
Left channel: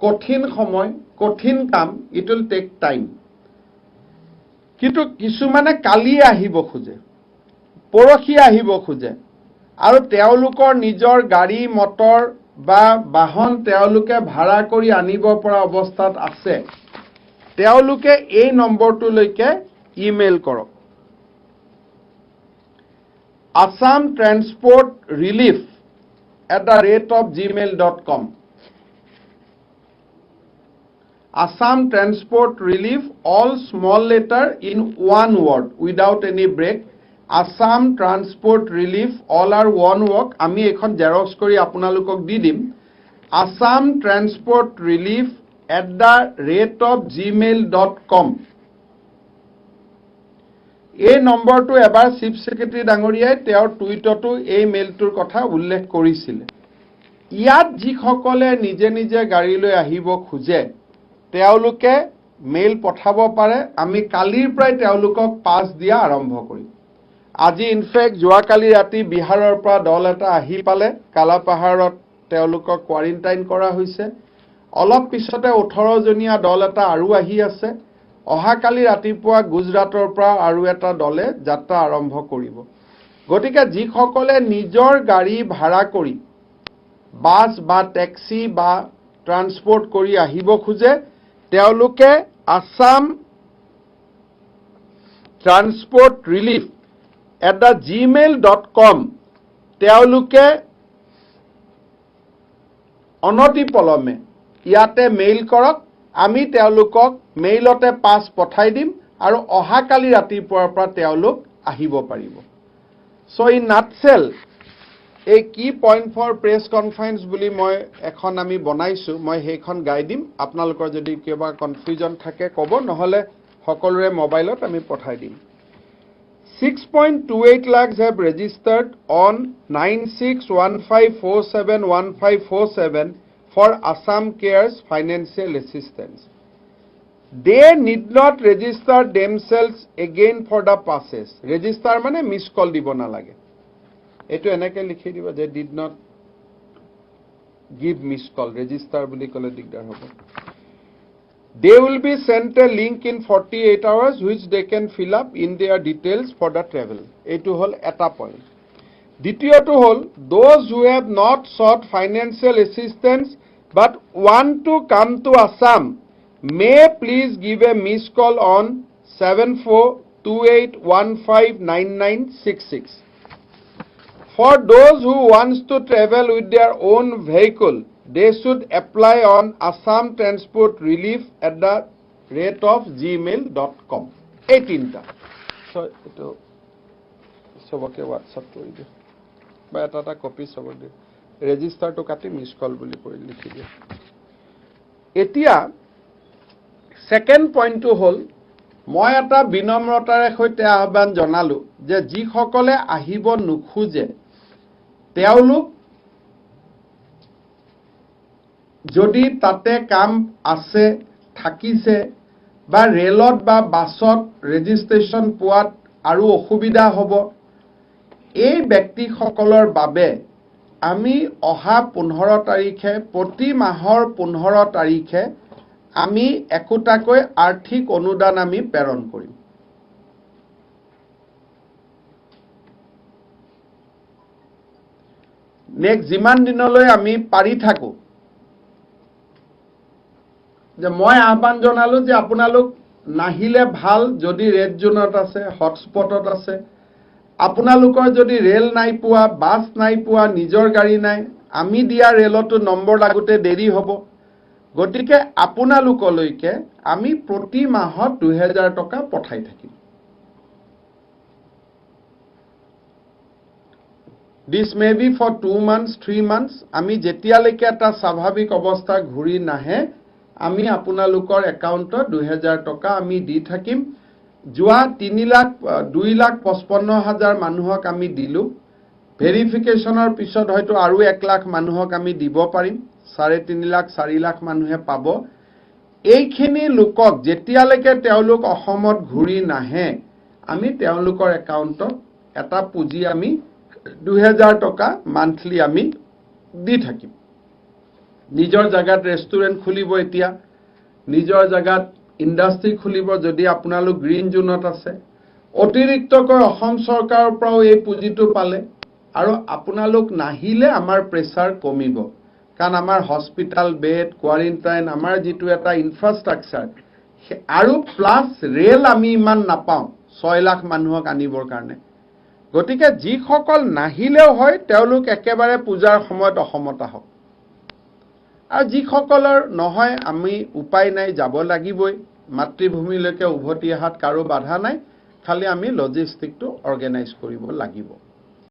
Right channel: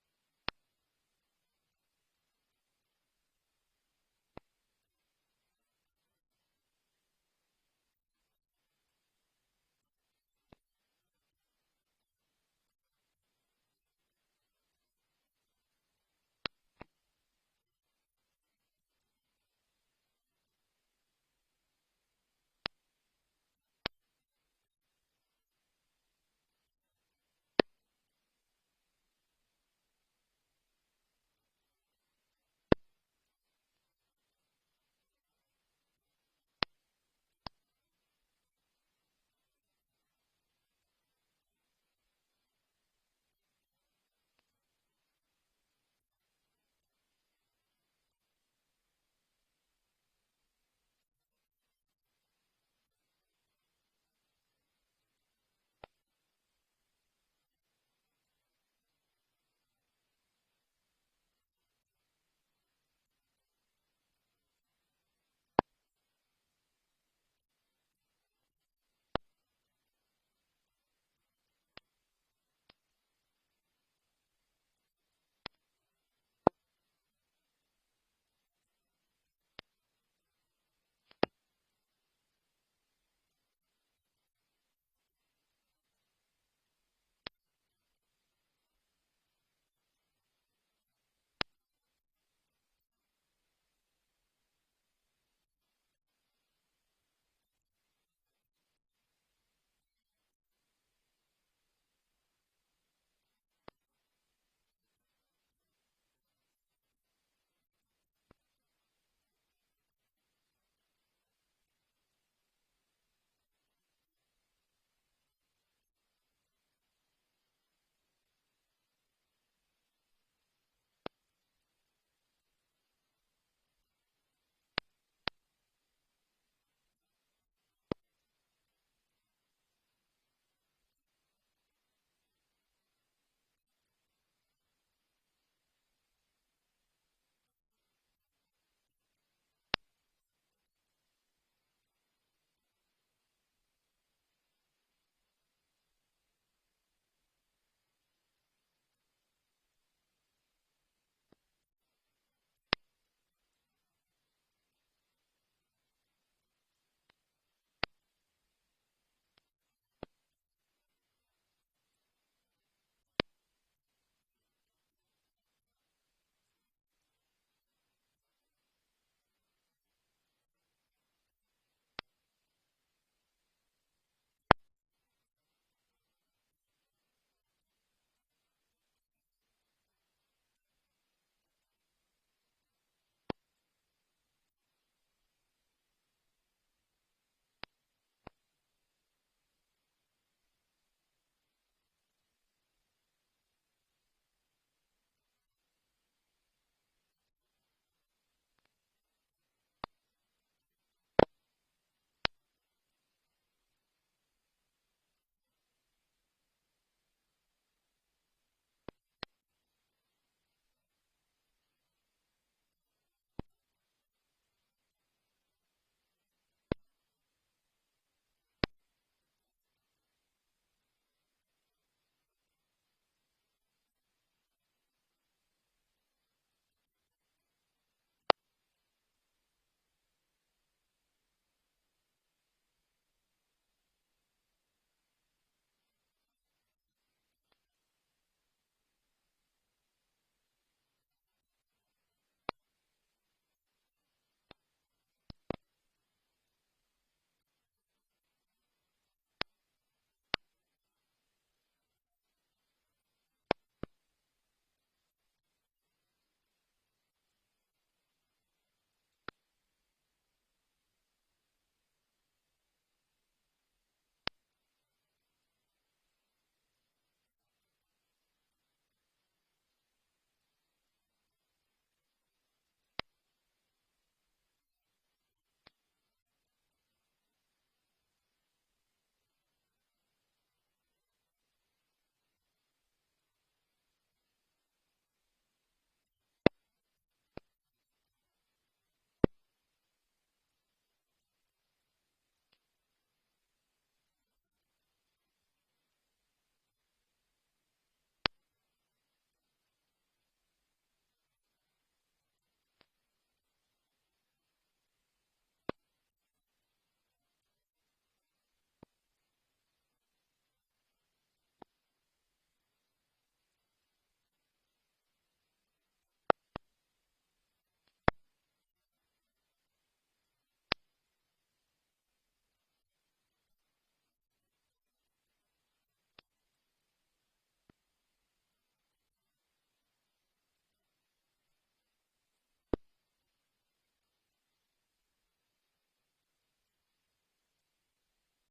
কঠিন সময় কঠিন কাম ইট উইল টেক টাইম কিন্তু কিছুমানে কালি আহিব খোজে পৰখি আহিব খোজে আৰু তেওঁলোকৰ নিজৰ গাড়ী মটৰ বা বাহন তেওঁলোকে ভাড়া কৰি আনিব পৰা অৱস্থাত আছে তেওঁলোকে এই নম্বৰটোলৈকে ইমেইল কৰক assamtransportrelief@gmail.com Assam Transport Relief all small letter in one word without any break Assam Transport Relief, all are one work. আমি এখন জেৰক্স কৰি আপোনালোকক দি দিম. Assam Transport Relief @gmail.com. এই নম্বৰটো এবাৰ চিফ সেক্ৰেটাৰী ডাঙৰীয়াই তেওঁৰ টুইটতো এই মেইলটোৰ কথা উল্লেখ কৰিছিল. ইয়াত যিসকলে নিজে নিজে গাড়ী লৈ আহিব খোজে তেওঁলোকে মেইল পঠাব পাৰে. আমি কালিৰ পৰাই তেওঁলোকক পাছ দিয়া আৰম্ভ কৰিম. আজি ইনফেক্ট যোৱাকালি ৰাতি বিহাৰৰ পৰা দল এটা আহি পালে. কালাপাহাৰত তেওঁলোকক কোৱাৰেণ্টাইন কৰা হৈছে. অলপ পিছতে 18 জনীয়া দল এটা আৰু আহি আছে. অহাকালি ৰাতিপুৱা গুজৰাটৰ পৰা আৰু এটা দলে যাত্ৰা আৰম্ভ কৰিব. গতিকে যিসকলে নিজৰ গাড়ী ভাড়া কৰি বাছ বা টেক্সি বা ট্ৰান্সপৰ্ট কৰি আহিব খোজে তেওঁলোকে Assam Transport Relief @gmail.com তেওঁলোকে অনতিপলমে ইয়াতে মেইল কৰক. আমি তেওঁলোকক মেইলতে পাছ পঠাই দিম আৰু অহাকালি ৰাতিপুৱাৰ পৰা তেওঁলোক আহিব পাৰিব. সো ইন নাটসেল এই কি পইণ্ট ফৰ প্ৰেছ কনফাৰেন্স বুলি মই এখন আমি বনাইছো. মই সেইখন গাই দিম. আপোনালোকৰ যদি কিবা কনফিউজন থাকে ক'ব, নহলে সকলোৰে মোবাইলত আমি পঠাই দিম. 6.28 lakhs have registered on 9615471547 for Assam Cares financial assistance. They need not register themselves again for the passes. Register মানে miss call দিব নালাগে. এটো এনেকে লিখি দিব যে did not give miss call. Register বুলি ক'লে দিগদাৰ হ'ব. They will be sent a link in 48 hours which they can fill up in their details for the travel. এটো হল এটা পইণ্ট. দ্বিতীয়টো হল those who have not sought financial assistance but want to come to Assam may please give a missed call on 7428159966. For those who wants to travel with their own vehicle, they should apply on Assam Transport Relief @gmail.com. 18টা. So ito সবকে WhatsApp কৰি দিও বা এটা copy সবক দিও. ৰেজিষ্টাৰটো কাটি miss call বুলি কৰি লিখি দিও. এতিয়া সেকেন্ড পইণ্টটো হল মই এটা বিনম্ৰতাৰে সৈতে আহ্বান জনালো যে যিসকলে আহিব নোখোজে তেওঁলোক যদি তাতে কাম আছে থাকিছে বা ৰেলত বা বাছত ৰেজিষ্ট্ৰেচন পোৱাত আৰু অসুবিধা হ'ব এই ব্যক্তিসকলৰ বাবে আমি অহা 15 তাৰিখে প্ৰতি মাহৰ 15 তাৰিখে আমি একোটাকৈ আৰ্থিক অনুদান আমি প্ৰেৰণ কৰিম. নেক্সট যিমান দিনলৈ আমি পাৰি থাকো যে মই আহ্বান জনালো যে আপোনালোক নাহিলে ভাল. যদি ৰেড জোনত আছে, হটস্পটত আছে, আপোনালোকৰ যদি ৰেল নাই পোৱা, বাছ নাই পোৱা, নিজৰ গাড়ী নাই, আমি দিয়া ৰেলতো নম্বৰ লাগোতে দেৰি হ'ব. গতিকে আপোনালোকলৈকে আমি প্ৰতি মাহত 2000 টকা পঠাই থাকিম. This may be for 2 months, 3 months. আমি যেতিয়ালৈকে এটা স্বাভাৱিক অৱস্থা ঘূৰি নাহে আমি আপোনালোকৰ একাউণ্টত 2000 টকা আমি দি থাকিম. যোৱা 2,55,000 মানুহক আমি দিলো. ভেৰিফিকেশ্যনৰ পিছত হয়তো আৰু 1 লাখ মানুহক আমি দিব পাৰিম. 3.5 লাখ 4 লাখ মানুহে পাব. এইখিনি লোকক যেতিয়ালৈকে তেওঁলোক অসমত ঘূৰি নাহে আমি তেওঁলোকৰ একাউণ্টত এটা পুঁজি আমি 2000 টকা মান্থলি আমি দি থাকিম. নিজৰ জায়গাত ৰেষ্টুৰেণ্ট খুলিব, এতিয়া নিজৰ জায়গাত ইণ্ডাষ্ট্ৰি খুলিব যদি আপোনালোক গ্ৰীণ জোনত আছে. অতিৰিক্তকৈ অসম চৰকাৰৰ পৰাও এই পুঁজিটো পালে আৰু আপোনালোক নাহিলে আমাৰ প্ৰেছাৰ কমিব. কাৰণ আমাৰ হস্পিটাল বেড, কোৱাৰেণ্টাইন, আমাৰ যিটো এটা ইনফ্ৰাষ্ট্ৰাকচাৰ আৰু প্লাছ ৰেল আমি ইমান নাপাওঁ 6 লাখ মানুহক আনিবৰ কাৰণে. গতিকে যিসকল নাহিলেও হয় তেওঁলোক একেবাৰে পূজাৰ সময়ত অসমত আহক. আৰু যিসকলৰ নহয় আমি উপায় নাই যাব লাগিবই, মাতৃভূমিলৈকে উভতি অহাত কাৰো বাধা নাই, খালি আমি লজিষ্টিকটো অৰ্গেনাইজ কৰিব লাগিব।